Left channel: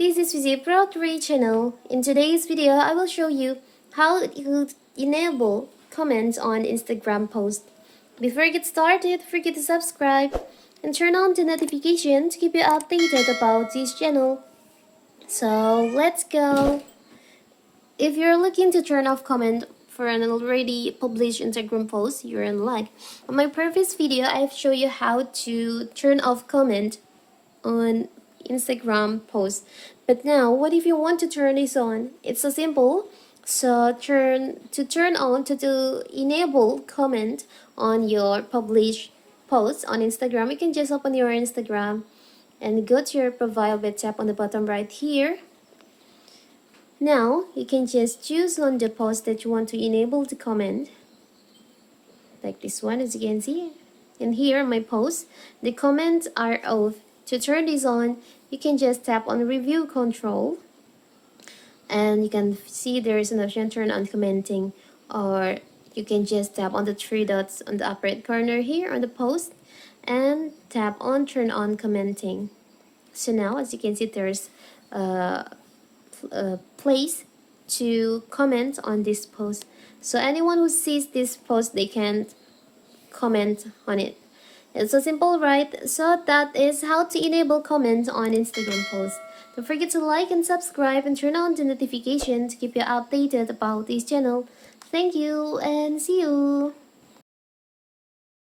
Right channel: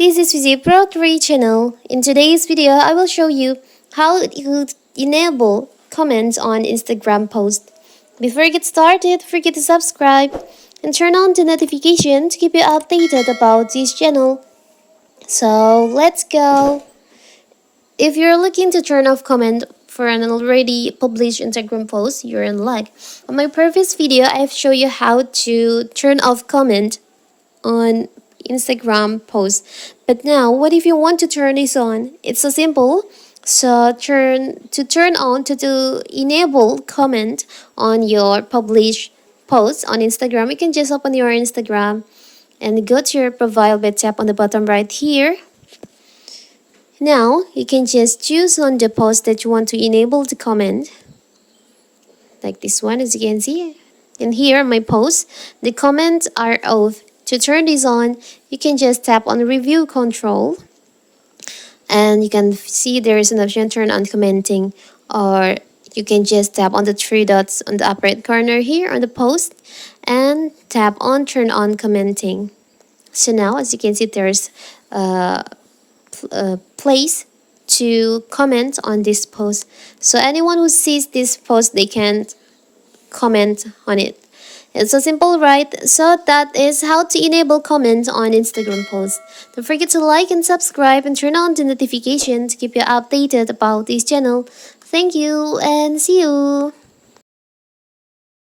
This is Vizzy Pro 3 channel. In today's video, I will show you how you enable comments on Instagram post. Before you get started, don't forget to subscribe and turn on the notification to keep you updated about this channel. So let's go. If you're looking to turn off comment for an already published Instagram post, you're in luck. On my previous video, I've shown you how to turn off comment on Instagram post. But now, what if you want to turn this on? It's so simple. So turn on to enable comment on your published post on Instagram. You can just open your Instagram and go to your profile by tap on the bottom right here. Now you can just choose on the post that you want to enable the comment, like this one, as you can see. And here my post, the comments are off. To turn this on, you can just tap on review control and you can see there is an option turn on commenting, or you can just tap on the three dots on the upper right corner here on the post and tap on turn on commenting. So now, as you can see, there's a place to comment on this post. So anyone who sees this post, they can comment on it. It's so simple, right? So that is how to enable comments on Instagram posts. Don't forget to like and subscribe and turn on the notification to keep you updated about this channel. Thank you and see you.